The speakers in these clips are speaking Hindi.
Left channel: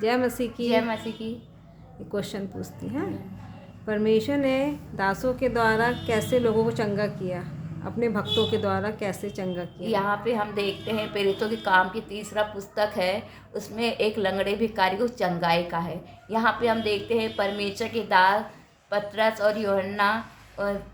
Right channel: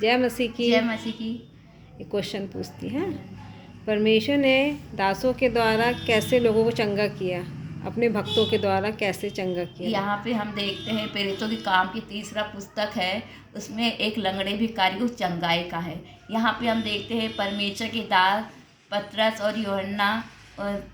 जय मसीह की। जय मसीह की। एक क्वेश्चन पूछती हैं, परमेश्वर ने दासों के द्वारा कैसे लोगों को चंगा किया, अपने भक्तों के द्वारा कैसे चंगा किया? यहाँ पे हम देखते हैं प्रेरितों के काम की 3रा पुस्तक है, उसमें एक लंगड़े भिखारी को चंगाई का है। यहाँ पे हम देखते हैं परमेश्वर के दास पतरस और यूहन्ना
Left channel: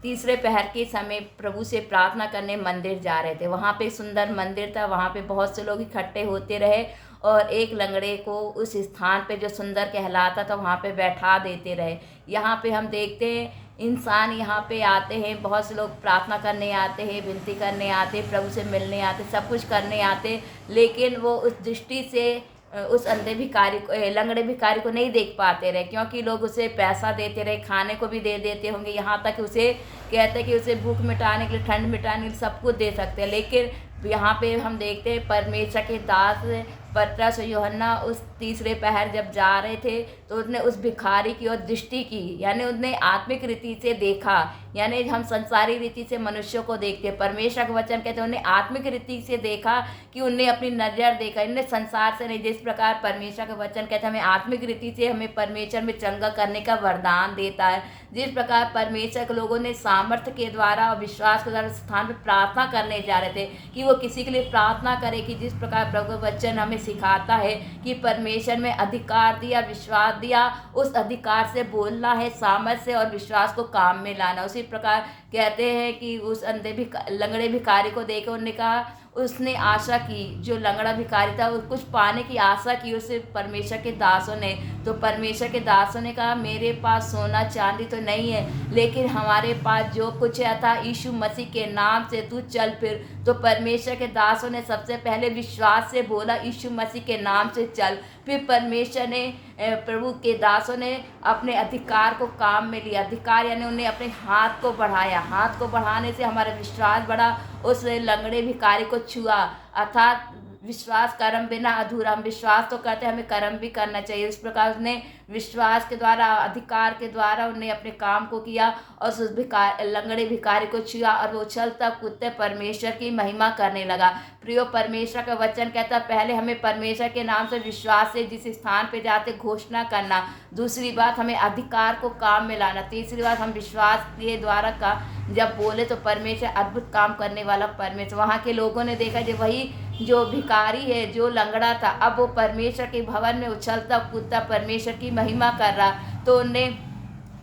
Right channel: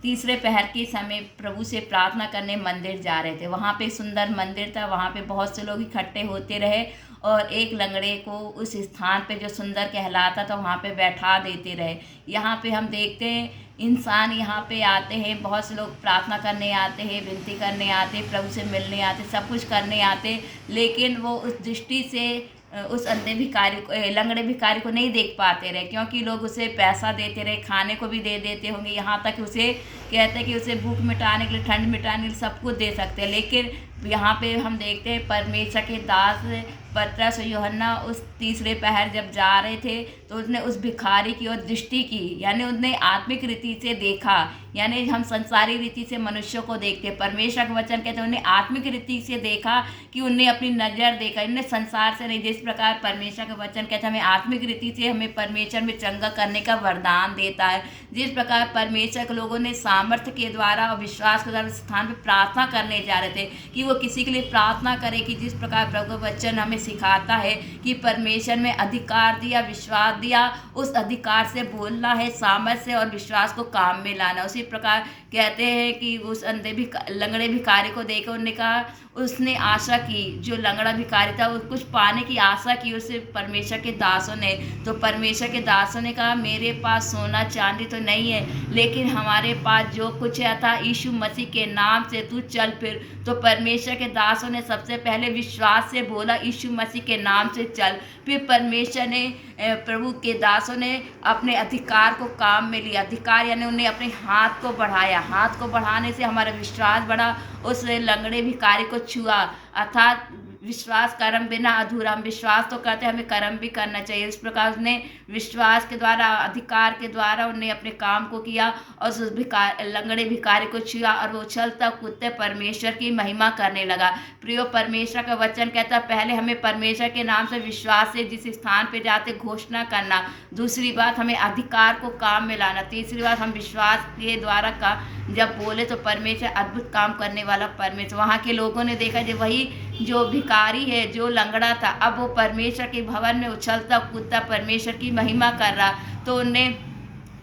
तीसरे पहर के समय प्रभु से प्रार्थना करने मंदिर जा रहे थे। वहाँ पे सुंदर मंदिर था, वहाँ पे बहुत से लोग इकट्ठे होते रहे और एक लंगड़े को उस स्थान पे जो सुंदर कहलाता था वहाँ पे बैठा देते रहे। यहाँ पे हम देखते हैं इंसान यहाँ पे आते हैं, बहुत से लोग प्रार्थना करने आते हैं, विनती करने आते हैं, प्रभु से मिलने आते, सब कुछ करने आते, लेकिन वो उस दृष्टि से उस अंधे भिखारी को लंगड़े भिखारी को नहीं देख पाते रहे, क्योंकि लोग उसे पैसा देते रहे, खाने को भी दे देते होंगे, यहाँ तक उसे कहते हैं कि उसे भूख मिटाने के लिए, ठंड मिटाने के लिए सब कुछ दे सकते हैं। लेकिन यहाँ पे हम देखते हैं परमेश्वर के दास पतरस और यूहन्ना उस तीसरे पहर जब जा रहे थे तो उसने उस भिखारी की ओर दृष्टि की, यानी उसने आत्मिक रीति से देखा। यानी हम संसारी रीति से मनुष्यों को देखते हैं, परमेश्वर का वचन कहते हैं उन्हें आत्मिक रीति से देखा कि उन्हें अपनी नज़र देखा, इन्हें संसार से नहीं। जिस प्रकार परमेश्वर का वचन कहते हैं हमें आत्मिक रीति से हमें परमेश्वर में चंगा करने का वरदान देता है। जिस प्रकार परमेश्वर के लोगों ने सामर्थ्य के द्वारा और विश्वास के द्वारा स्थान पर प्रार्थना करने जा रहे थे कि वो किसी के लिए प्रार्थना करे, कि जिस प्रकार प्रभु का वचन हमें सिखाता है कि परमेश्वर में अधिकार दिया, विश्वास दिया, उस अधिकार से बोलना है, सामर्थ्य से और विश्वास को काम में लाना। उसी प्रकार कहते हैं कि उस लंगड़े भिखारी को देखकर उन्होंने कहा, उसने आशा की, जो लंगड़ा भिखारी था वो कुछ पाने की आशा की उससे परमेश्वर के दासों ने। तो परमेश्वर के दासों ने कहा, मेरे पास सोना चांदी तो नहीं है, लेकिन हमारे पास जो कुछ है था यीशु मसीह के नाम से तू चल फिर। तो परमेश्वर के दासों ने सबसे पहले विश्वास से बोला, यीशु मसीह के नाम से चल। फिर परमेश्वर ने प्रभु के दासों ने अपने अधिकार को काम में लिया। अधिकार यानी उन्हें अपने हाथ को बढ़ाया, हाथ को बढ़ाने से हमारा विश्वास बढ़ा, उस लंगड़े भिखारी को छुआ। अर्थात विश्वास कर्म बिना अधूरा, हम विश्वास तो करते हैं, हमें कर्म भी करना चाहिए। इस प्रकार उसने विश्वास के द्वारा, अधिकार के द्वारा उन्हें अपने काम को किया और उस लंगड़े भिखारी को छुआ और वो चलता कूदते परमेश्वर की महिमा करने लगा। प्रियो, परमेश्वर का वचन कहता है पहले हमें परमेश्वर के नाम से विश्वास से जिस स्थान पे जाते घोषणा करना, दूसरी बात हमें अधिकार को काम में लाना, तीसरी बात हम विश्वास के द्वारा का जब बोले तो परमेश्वर अद्भुत काम करने वाला परमेश्वर। वहाँ के लोगों ने देखा जो वही जो भिखारी है, जो लंगड़ा था, अब वो परमेश्वर के भवन में उछलता कूदता परमेश्वर की महिमा कर रहा। तो उन्हें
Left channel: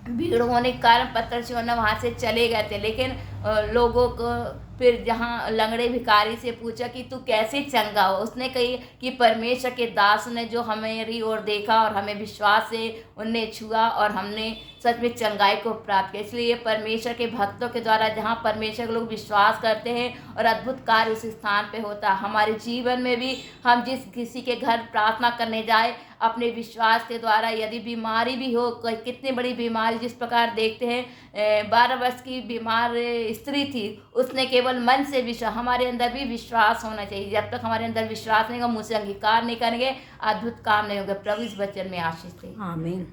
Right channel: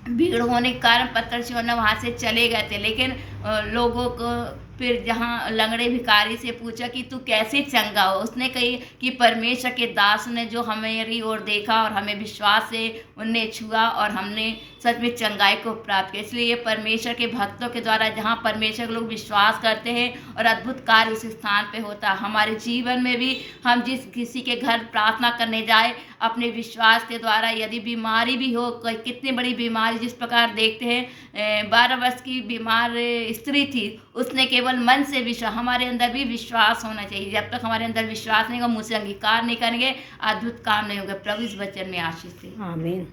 भीड़ होने के कारण पतरस यूहन्ना वहाँ से चले गए थे। लेकिन लोगों को फिर जहाँ लंगड़े भिखारी से पूछा कि तू कैसे चंगा हो, उसने कही कि परमेश्वर के दास ने जो हमारी ओर देखा और हमें विश्वास से उनने छुआ और हमने सच में चंगाई को प्राप्त किया। इसलिए परमेश्वर के भक्तों के द्वारा जहाँ परमेश्वर के लोग विश्वास करते हैं और अद्भुत कार्य उस स्थान पे होता है। हमारे जीवन में भी हम जिस किसी के घर प्रार्थना करने जाए, अपने विश्वास के द्वारा, यदि बीमारी भी हो, कितनी बड़ी बीमारी, जिस प्रकार देखते हैं 12 वर्ष की बीमार स्त्री थी, उसने केवल मन से विश्वास, हमारे अंदर भी विश्वास होना चाहिए। जब तक हमारे अंदर विश्वास नहीं होगा, मुँह से अंगीकार नहीं करेंगे, अद्भुत काम नहीं होगा। प्रभु इस वचन में आशीष दे। आमीन।